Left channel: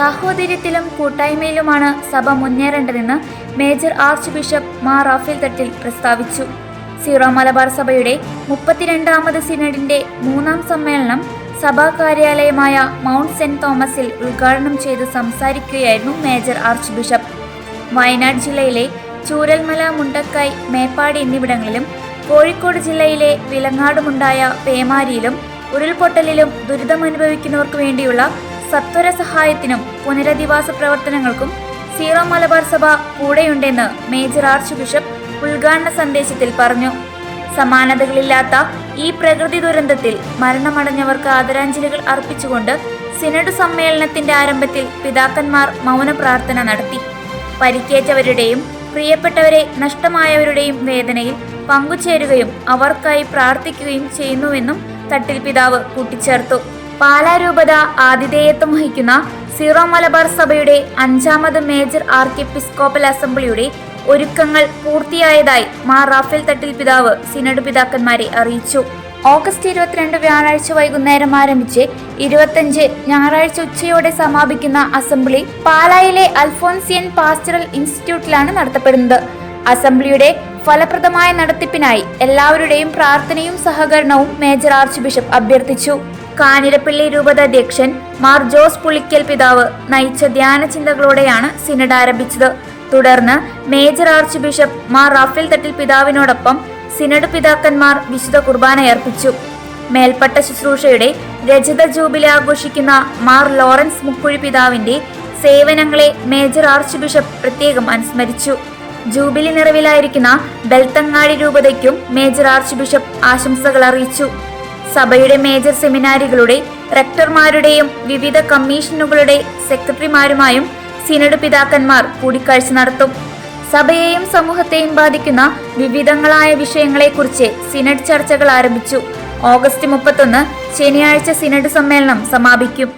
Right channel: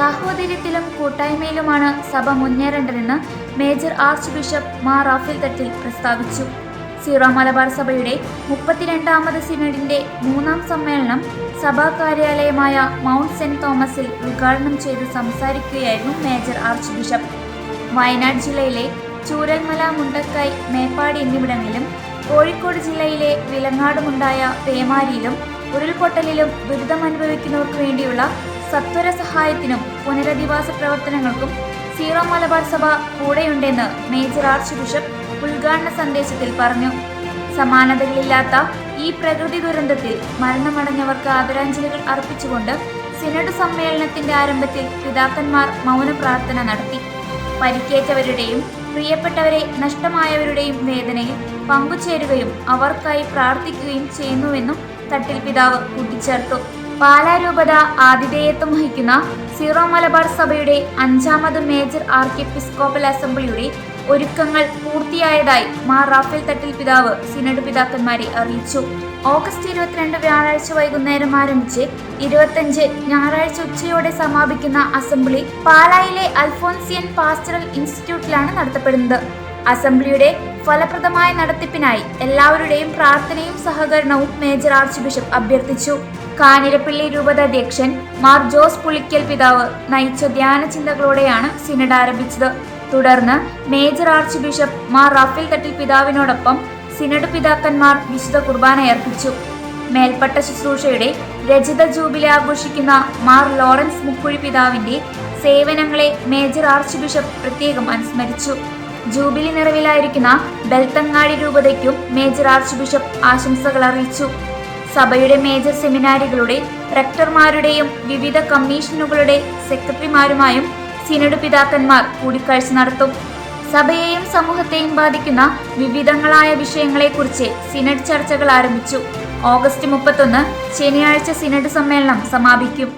സാഹോദര്യത്തിലും കൂട്ടായ്മയിലുമാണ് സഭ മുന്നേറേണ്ടതെന്ന് major archbishop Mar Raphael Thattil പ്രസ്താവിച്ചു. സീറോ മലബാർ സഭയുടെ 32ാമത് സിനഡിന്റെ 3ാം സമ്മേളനം സഭാ കാര്യാലയമായ മൗണ്ട് സെന്റ് തോമസിൽ ഉദ്ഘാടനം ചെയ്ത് സംസാരിക്കുകയായിരുന്നു മേജർ ആർച്ച് ബിഷപ്പ്. വയനാട് ജില്ലയിലെ ചൂരൽമല, മുണ്ടക്കൈ, മേപ്പാടി എന്നിവിടങ്ങളിലും കോഴിക്കോട് ജില്ലയിലെ വിലങ്ങാടുമുണ്ടായ പേമാരിയിലും ഉരുൾപൊട്ടലിലും ദുരിതമനുഭവിക്കുന്നവർക്ക് വേണ്ടിയുള്ള സത്വര സഹായത്തിനും പുനരധിവാസ പ്രവർത്തനങ്ങൾക്കും സീറോ മലബാർ സഭ കൂടെയുണ്ടെന്ന് മേജർ ആർച്ച് ബിഷപ്പ് ഉദ്ഘാടന സന്ദേശത്തിൽ പറഞ്ഞു. സമാനതകളില്ലാത്ത ഈ പ്രകൃതി ദുരന്തത്തിൽ മരണമടഞ്ഞവർക്ക് ആദരാഞ്ജലികൾ അർപ്പിച്ചുകൊണ്ട് സിനഡ് സമ്മേളനത്തിന്റെ ആരംഭത്തിൽ പിതാക്കന്മാർ മൗന പ്രാർത്ഥന നടത്തി. പരിക്കേറ്റവരുടെയും പ്രിയപ്പെട്ടവരെ നഷ്ടമായവരുടെയും വേദനയിൽ പങ്കുചേരുകയും അവർക്കായി പ്രാർത്ഥിക്കുകയും ചെയ്യുന്നുവെന്നും തട്ടിൽ പിതാവ് കൂട്ടിച്ചേർത്തു. പാലാ രൂപത ആതിഥേയത്വം വഹിക്കുന്ന സീറോ മലബാർ സഭയുടെ 5ാമത് മേജർ ആർക്കിയെപ്പിസ്കോപ്പൽ അസംബ്ലിയുടെ ഒരുക്കങ്ങൾ പൂർത്തിയായതായി മാർ റാഫേൽ തട്ടിൽ പിതാവ് സിനഡ് പിതാക്കന്മാരെ അറിയിച്ചു. ഓഗസ്റ്റ് 22 വ്യാഴാഴ്ച വൈകുന്നേരം ആരംഭിച്ച് 25 ഞായറാഴ്ച ഉച്ചയോടെ സമാപിക്കുന്ന അസംബ്ലി പാലായിലെ അൽഫോൻസിയൻ പാസ്റ്ററൽ ഇൻസ്റ്റിറ്റ്യൂട്ടിലാണ് നടത്തപ്പെടുന്നത്. അസംബ്ലിയുടെ ഫലപ്രദമായ നടത്തിപ്പിനായി എല്ലാവരുടെയും പ്രാർത്ഥനയും സഹകരണവും മേജർ ആർച്ച് ബിഷപ്പ് അഭ്യർത്ഥിച്ചു. കാഞ്ഞിരപ്പള്ളി രൂപത അധ്യക്ഷൻ മാർ ജോസ് പുളിക്കൽ പിതാവ് നയിച്ച ധ്യാന ചിന്തകളോടെയാണ് സിനഡ് ആരംഭിച്ചത്. തുടർന്ന് major archbishop Mar Raphael Thattil പിതാവിനോടൊപ്പം സിനഡ് പിതാക്കന്മാർ വിശുദ്ധ കുർബാനയർപ്പിച്ചു. മേൽപ്പട്ട ശുശ്രൂഷയുടെ രജത ജൂബിലി ആഘോഷിക്കുന്ന മാർ ലോറൻസ് മുക്കുഴി പിതാവിന്റെ സേവനങ്ങളെ മേജർ ആർച്ച് ബിഷപ്പ് പ്രത്യേകം അനുസ്മരിച്ചു. ജൂബിലി നിറവിലായിരിക്കുന്ന ബെൽത്തങ്ങാടി രൂപതയ്ക്കും മേജർ ആർച്ച് ബിഷപ്പ് ആശംസകൾ അറിയിച്ചു. സഭയുടെ മേജർ സെമിനാരികളുടെ റെക്ടർമാരുടെയും വിവിധ കമ്മീഷനുകളുടെ സെക്രട്ടറിമാരുമായും സിനഡ് പിതാക്കന്മാർ കൂടിക്കാഴ്ച നടത്തും. സഭയെയും സമൂഹത്തെയും ബാധിക്കുന്ന വിവിധങ്ങളായ വിഷയങ്ങളെക്കുറിച്ച് സിനഡ് ചർച്ചകൾ ആരംഭിച്ചു. ഓഗസ്റ്റ് 31 ശനിയാഴ്ച സിനഡ് സമ്മേളനം സമാപിക്കും.